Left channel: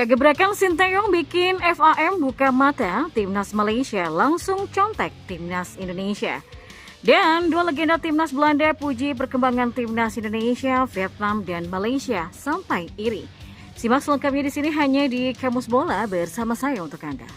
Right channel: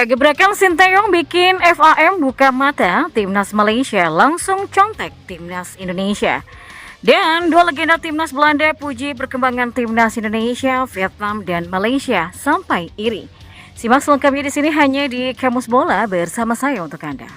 Ya, gebrakan Sinteyong bikin FAM buka mata, Timnas Malaysia langsung contek Timnas Indonesia. Dan dua legenda Timnas Belanda puji perkembangan Timnas Indonesia, Vietnam, dan Malaysia sampai iri. Simak selengkapnya di sini hanya di Kamus Bola bersama saya untuk Anda.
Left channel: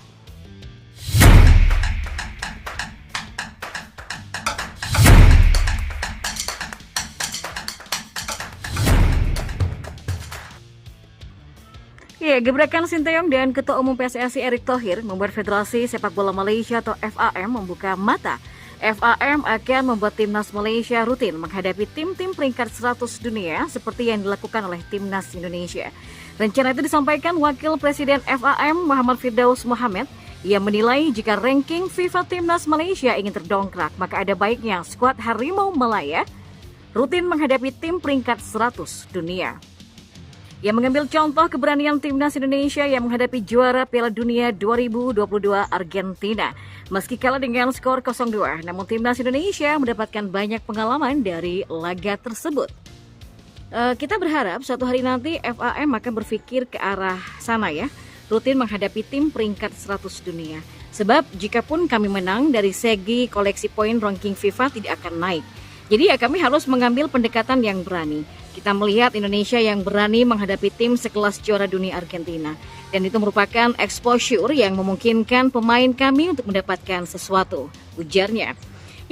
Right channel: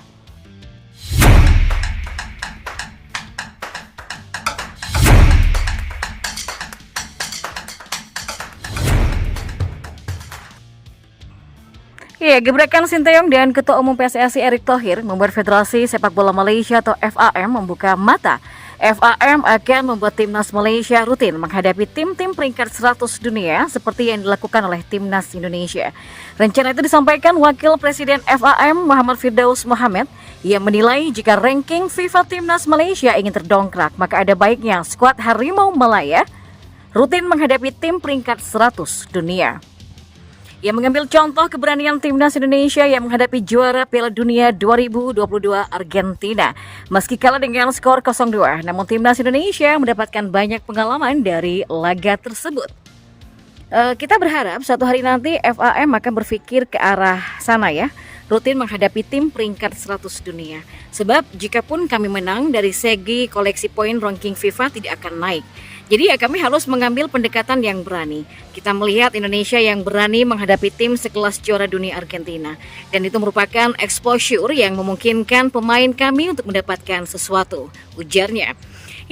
Ya, gebrakan Sinteyong dan Ketua Umum PSSI Erick Thohir membuat Federasi Sepak Bola Malaysia atau FAM membuka mata. FAM akan membuat Timnas Malaysia rutin menghadapi tim-tim peringkat 100 dunia seperti yang dilakukan oleh Timnas Indonesia. Rencana itu disampaikan Wakil Presiden FAM Muhammad Firdaus Mohamed yang menilai jika ranking FIFA Timnas Malaysia ingin terdongkrak, maka ada baiknya skuad Harimau Malaya rutin menghadapi tim peringkat 100 dunia. Yang mengambil contoh keberanian Timnas Indonesia yang menghadapi juara Piala Dunia 2022 Argentina. Meski kalah dengan skor 0-2, namun Timnas Indonesia mendapatkan banyak pengalaman dari laga tersebut. Kita berharap suatu hari nanti FAM akan berpikir ke arah sana ya, rutin menghadapi tim peringkat 100 dunia. Sebab jikapun kami menang dari segi koleksi poin ranking FIFA tidak akan naik. Jadi ya kami harus mengambil pendekatan yang berani. Kita melihat Indonesia yang berani menghadapi tim sekelas juara dunia Argentina. Dan itu merupakan exposure yang memungkinkan pemain kami untuk mendapatkan sesuatu, ujarnya.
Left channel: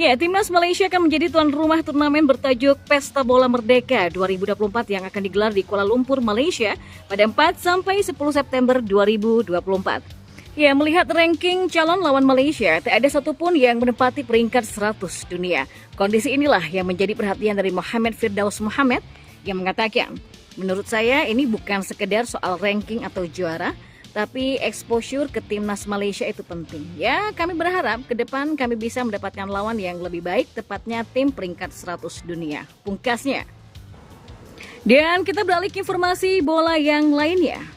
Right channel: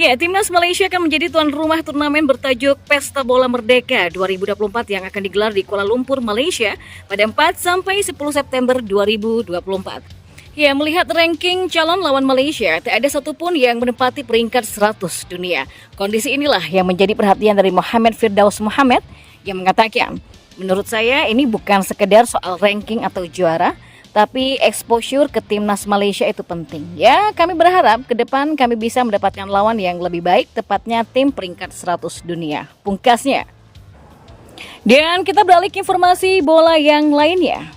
Ya, Timnas Malaysia akan menjadi tuan rumah turnamen bertajuk Pesta Bola Merdeka 2024 yang akan digelar di Kuala Lumpur, Malaysia pada 4-10 September 2024. Ya, melihat ranking calon lawan Malaysia, tak ada satupun yang menempati peringkat 100 dunia. Kondisi inilah yang menjadi perhatian dari Muhammad Firdaus Mohamed yang mengatakan, menurut saya ini bukan sekedar soal ranking atau juara, tapi exposure ke Timnas Malaysia itu penting. Ya, kami berharap ke depan kami bisa mendapatkan lawan yang lebih baik, tepatnya tim peringkat 100 dunia. Pungkasnya. Dan kita beralih ke informasi bola yang lainnya.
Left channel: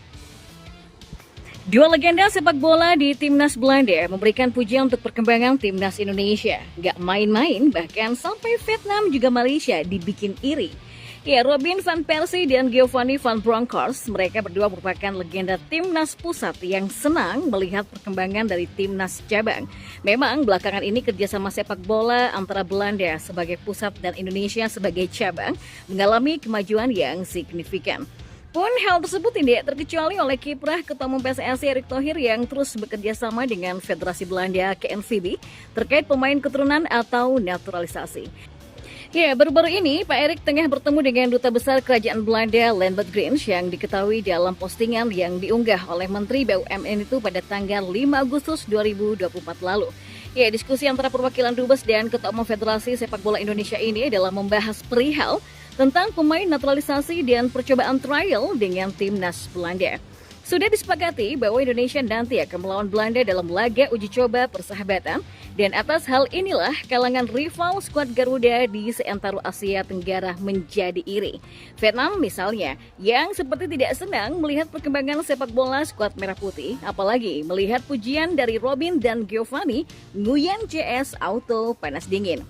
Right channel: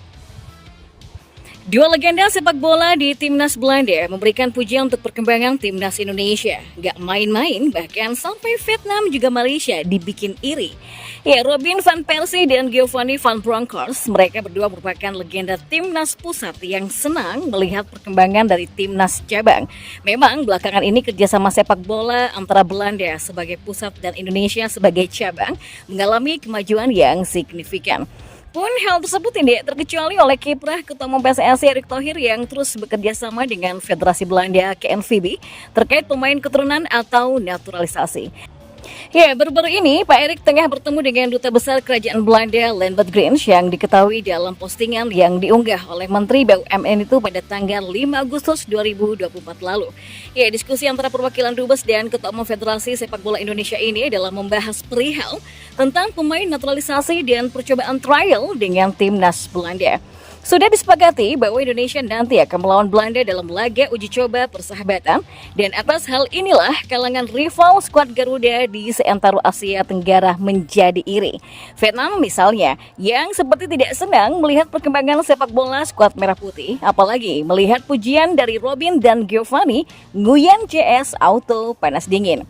Dua legenda sepak bola di Timnas Belanda memberikan pujian untuk perkembangan Timnas Indonesia. Gak main-main, bahkan sampai Vietnam juga Malaysia dibikin iri. Ya, Robin van Persie dan Giovanni van Bronckhorst, mereka berdua merupakan legenda Timnas pusat yang senang melihat perkembangan dari Timnas cabang. Memang belakangan ini kerjasama sepak bola antara Belanda sebagai pusat dan Indonesia sebagai cabang mengalami kemajuan yang signifikan. Pun hal tersebut tidak terkecuali oleh kiprah Ketua Umum PSSI Erick Thohir yang terus bekerja sama dengan Federasi Belanda KNVB terkait pemain keturunan atau naturalisasi. Ya, baru-baru ini Pak Erick tengah bertemu dengan Duta Besar Kerajaan Belanda Lambert Grins yang diketahui dalam postingan yang diunggah oleh Menteri BUMN itu pada tanggal 5 Agustus 2024 lalu. Ya, diskusi antara perwakilan Dubes dan Ketua Umum Federasi Sepak Bola Indonesia ini adalah membahas perihal tentang pemain naturalisasi dan percobaan trial dengan Timnas Belanda. Sudah disepakati bahwa Indonesia nanti akan melawan Belanda dalam laga uji coba persahabatan, dan atas hal inilah kalangan rival skuad Garuda di seantero Asia Tenggara menjadi iri. Vietnam misalnya, yang seperti tidak senang melihat perkembangan sepak bola skuad Merah Putih, apalagi melihat pujian dari Robin dan Giovanni, Nguyen CS Auto panas dingin.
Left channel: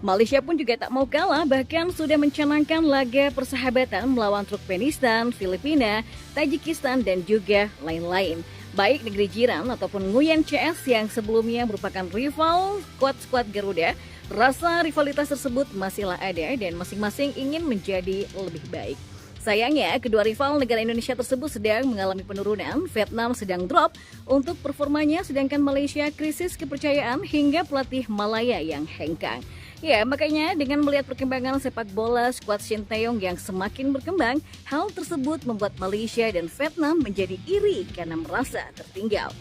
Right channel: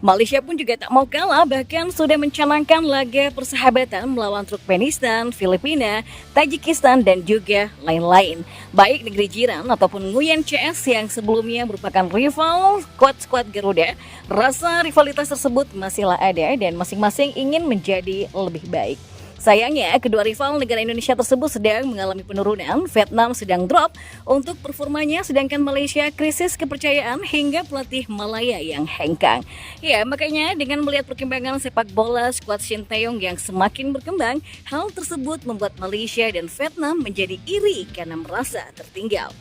Malaysia pun juga tak mau kalah, bahkan sudah mencanangkan laga persahabatan melawan Turkmenistan, Filipina, Tajikistan, dan juga lain-lain. Baik negeri jiran ataupun Nguyen CS yang sebelumnya merupakan rival skuad Garuda, rasa rivalitas tersebut masihlah ada dan masing-masing ingin menjadi lebih baik. Sayangnya, kedua rival negara Indonesia tersebut sedang mengalami penurunan. Vietnam sedang drop untuk performanya, sedangkan Malaysia krisis kepercayaan hingga pelatih Malaya yang hengkang. Ya, makanya dengan melihat perkembangan sepak bola skuad Sinteyong yang semakin berkembang, hal tersebut membuat Malaysia dan Vietnam menjadi iri karena merasa tertinggal.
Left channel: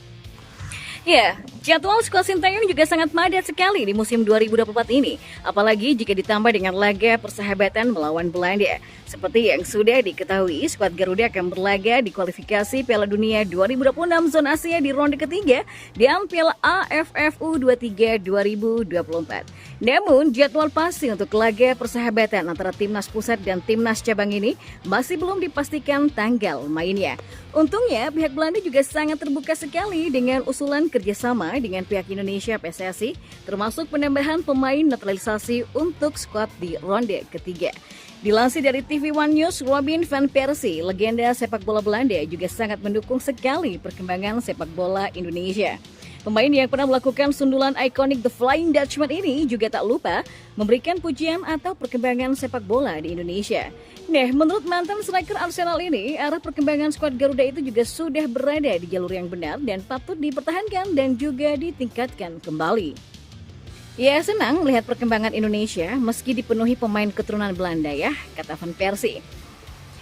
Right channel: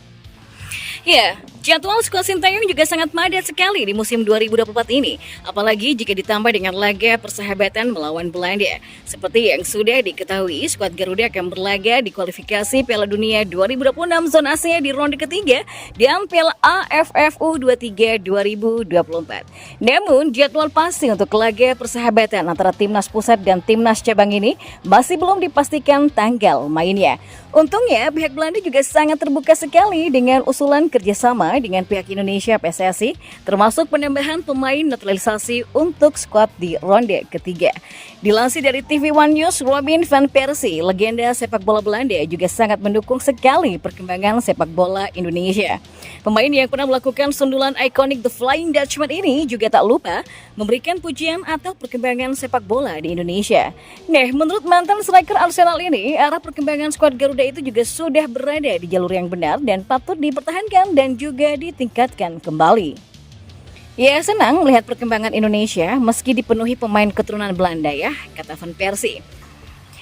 Ya, jadwal skuad Sinteyong juga sangat padat sekali di musim 2024 ini, apalagi jika ditambah dengan laga persahabatan melawan Belanda. Seperti yang sudah diketahui, skuad Garuda akan berlaga di kualifikasi Piala Dunia 2026 zona Asia di ronde ketiga dan Piala AFF U23 2024. Namun, jadwal pasti untuk laga persahabatan antara Timnas Pusat dan Timnas Cabang ini masih belum dipastikan tanggal mainnya. Untungnya, pihak Belanda juga sangat terbuka sekali dengan usulan kerjasama dengan pihak Indonesia PSSI, termasuk penambahan pemain naturalisasi untuk skuad di ronde ketiga. Dilansir dari TV One News, Robin van Persie, legenda sepak bola Belanda, juga sangat mendukung sekali perkembangan sepak bola Indonesia. Pemain yang pernah melakukan sundulan ikonik The Flying Dutchman ini juga tak lupa memberikan pujian atau perkembangan sepak bola di Indonesia. Nah, menurut mantan striker Arsenal ini, arah perkembangan skuad Garuda itu juga sudah berada di jalur yang benar dan patut dipertahankan dan juga ditingkatkan kembali. Ya, senang melihat perkembangan Indonesia meski dipenuhi pemain keturunan Belanda ya, kata Van Persie.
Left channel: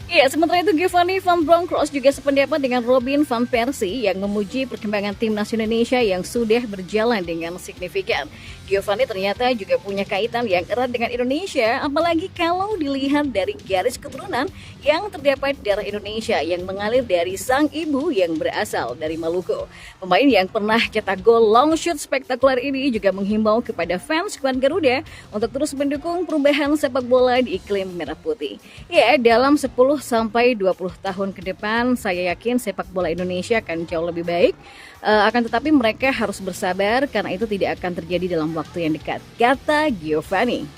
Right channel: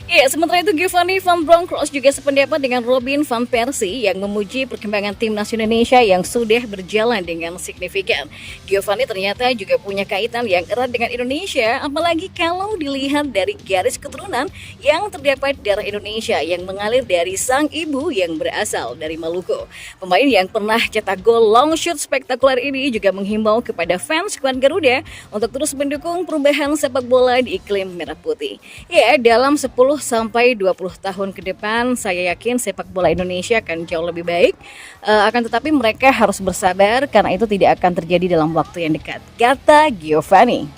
Ya, sementara itu Giovanni van Bronckhorst juga sependapat dengan Robin van Persie yang memuji perkembangan timnas Indonesia yang sudah berjalan dengan signifikan. Giovanni ternyata juga punya kaitan yang erat dengan Indonesia, apalagi kalau dilihat dari garis keturunan yang terdapat darah Indonesia yang mengalir dari sang ibu yang berasal dari Maluku. Pemain yang pernah cetak gol long shoot spektakuler ini juga menghimbau kepada fans skuad Garuda untuk terus mendukung perubahan sepak bola di iklim merah putih. Ya, dalam 10 sampai 20 tahun ke depan, saya yakin sepak bola Indonesia akan jauh lebih baik. Akan tetapi mereka harus bersabar karena itu tidak akan terjadi dalam waktu yang dekat, kata Giovanni.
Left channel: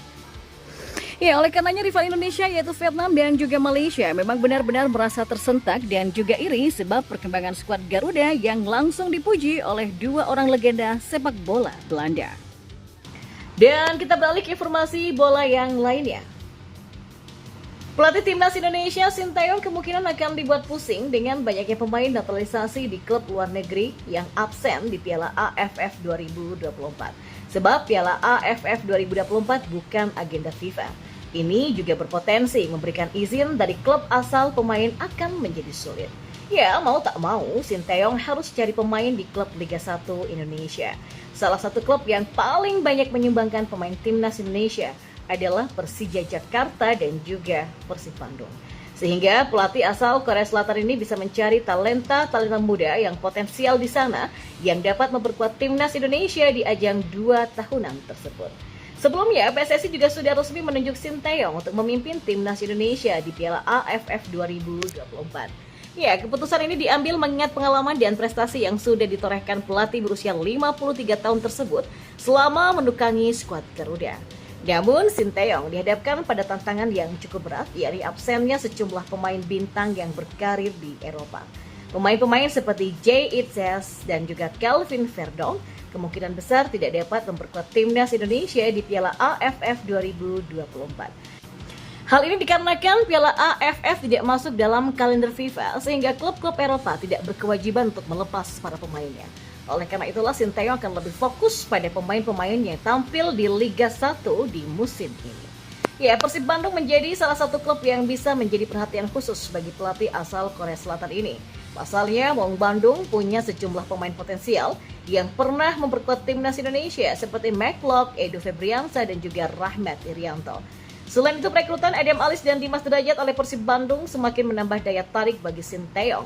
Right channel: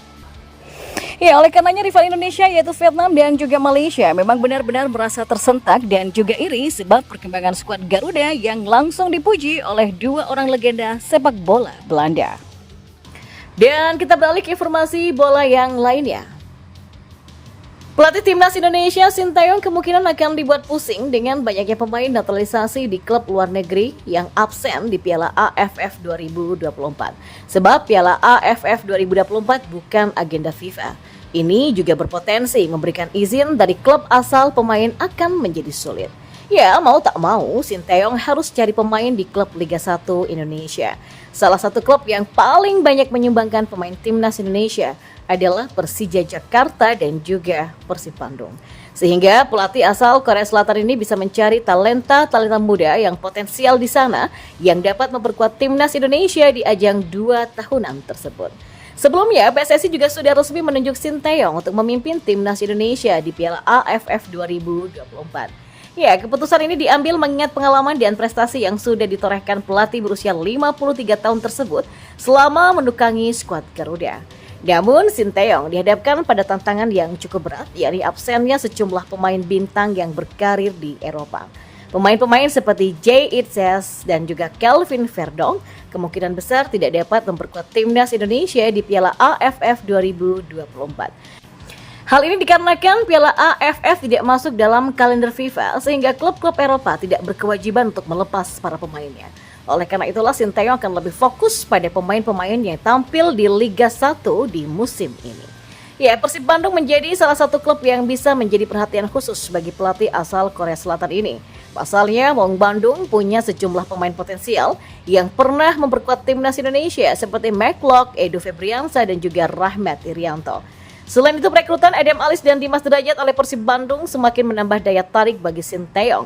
Ya, oleh karenanya rival Indonesia yaitu Vietnam dan juga Malaysia memang benar-benar merasa tersentak dan juga iri sebab perkembangan skuad Garuda yang langsung dipuji oleh dua orang legenda sepak bola Belanda. Dan kita beralih ke informasi bola yang lainnya. Pelatih timnas Indonesia Sintayong kemungkinan akan dibuat pusing dengan banyaknya pemain naturalisasi di klub luar negeri yang absen di Piala AFF 2024. Sebab Piala AFF 2024 bukan agenda FIFA. Ini juga berpotensi memberikan izin dari klub asal pemain akan menjadi sulit. Ya, mau tak mau, Sintayong harus cari pemain di klub Liga 1 Indonesia. Salah satu klub yang paling banyak menyumbangkan pemain timnas Indonesia adalah Persija Jakarta dan juga Persib Bandung. Sehingga pelatih asal Korea Selatan ini bisa mencari talenta muda yang potensial di sana yang dapat memperkuat timnas Indonesia di ajang 2 tahunan tersebut. Sebelumnya, PSSI juga sudah resmi menunjuk Sintayong untuk memimpin timnas Indonesia di Piala AFF 2024. Ya, keputusan ini diambil mengingat pengalaman dan prestasi yang sudah ditorehkan pelatih berusia 53 tahun tersebut selama menukangi skuad Garuda. Namun, Sintayong dihadapkan pada tantangan yang cukup berat, yakni absennya sejumlah pemain bintang yang berkarir di Eropa. Pemain-pemain seperti Jay Itzes dan juga Kelvin Verdong kemungkinan besar tidak dapat memperkuat timnas Indonesia di Piala AFF 2024. Hal ini dikarenakan Piala AFF tidak masuk dalam kalender FIFA, sehingga klub-klub Eropa tidak berkewajiban untuk melepas para pemainnya. Oleh karena itulah Sintayong akan lebih fokus pada pemain-pemain yang tampil di Liga 1 di musim ini. Ya, Persib Bandung menjadi salah satu klub yang bisa menjadi perhatian khusus bagi pelatih asal Korea Selatan ini. Pasalnya, Maung Bandung punya sejumlah pemain potensial yang pernah memperkuat timnas Indonesia seperti McLeod, Edo Febriansa, dan juga Rahmat Irianto. Selain itu, perekrutan Adam Alis dan Dimas Derajat oleh Persib Bandung semakin menambah daya tarik bagi Sintayong.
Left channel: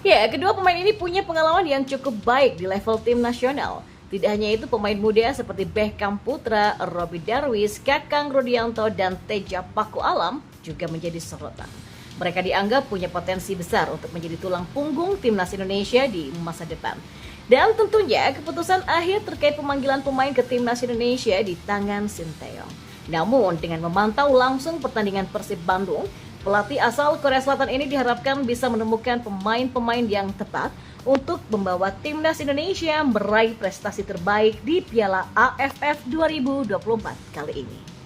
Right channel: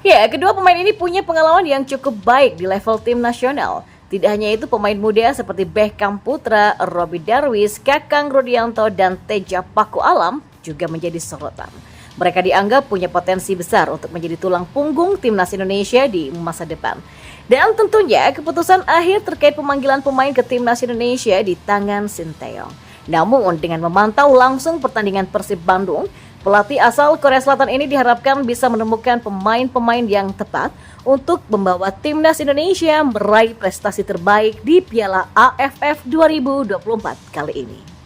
Ya, kedua pemain ini punya pengalaman yang cukup baik di level tim nasional. Tidak hanya itu, pemain muda seperti Beckham Putra, Robbie Darwis, Kakang Rudianto, dan Teja Paku Alam juga menjadi sorotan. Mereka dianggap punya potensi besar untuk menjadi tulang punggung timnas Indonesia di masa depan. Dan tentunya keputusan akhir terkait pemanggilan pemain ke timnas Indonesia di tangan Sintayong. Namun dengan memantau langsung pertandingan Persib Bandung, pelatih asal Korea Selatan ini diharapkan bisa menemukan pemain-pemain yang tepat untuk membawa timnas Indonesia meraih prestasi terbaik di Piala AFF 2024 kali ini.